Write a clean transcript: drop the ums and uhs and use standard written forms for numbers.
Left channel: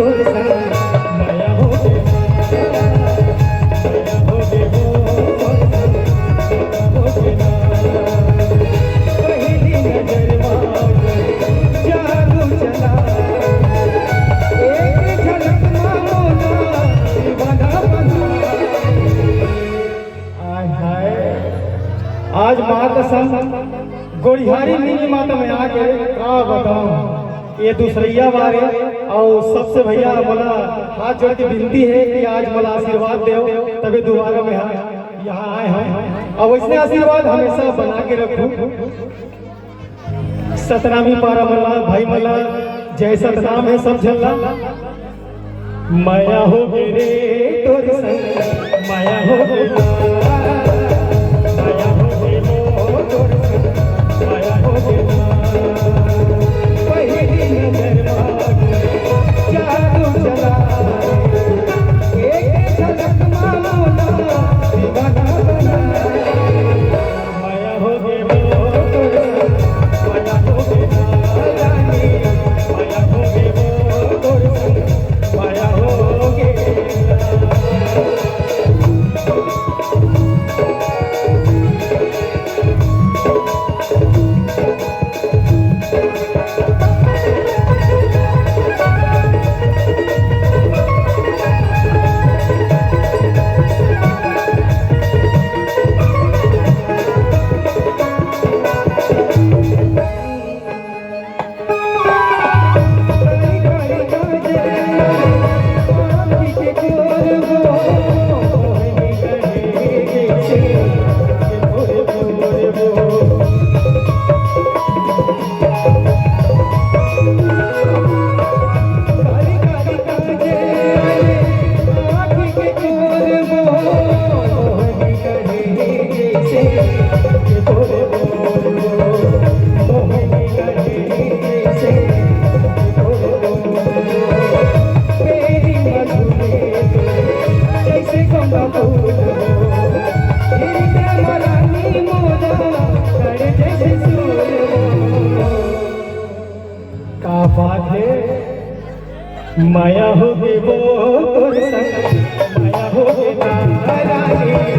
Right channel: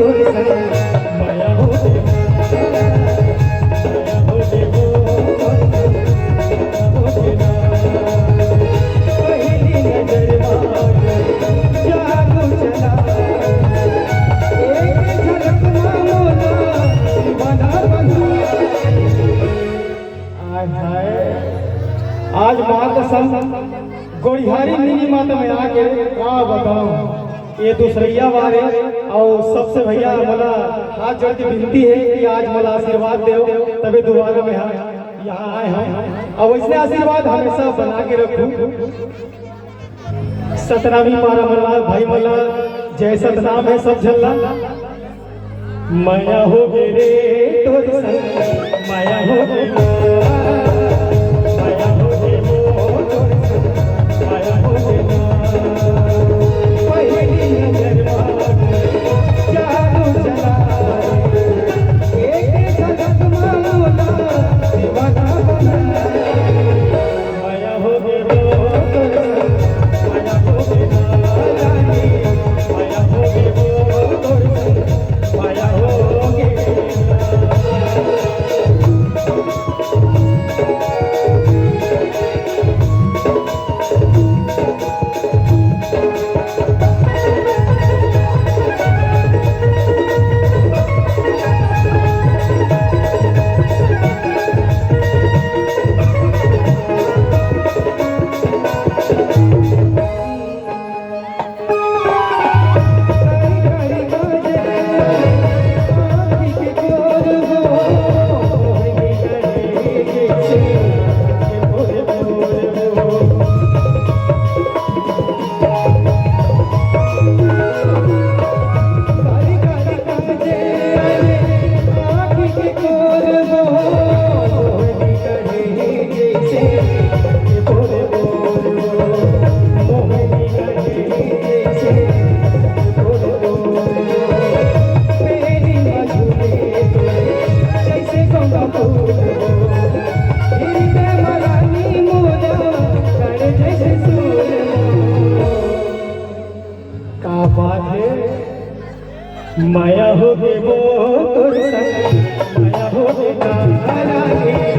तोर संग माया हो गे पहली नजर जादू चला एक झलक मामोना दीवाना बना। आज माँ कसम गोड़िहारी मिनी माता में आके का बताऊं ये दूसरैया मारे और सबसे भैया मोला हाथ जोड़ के विनती है कि आज मोला आशीर्वाद दो तबे दोबारा में यहाँ आए हैं और वैसे आशीर्वाद हमेशा बना के रखूं। सतनामी पारा मल्ला भाई मल्ला जय सतनाम है सब झल्ला। माया हो गे रे तोर संग माया हो गे माया हो गे वो तोर संग माया हो गे रानी।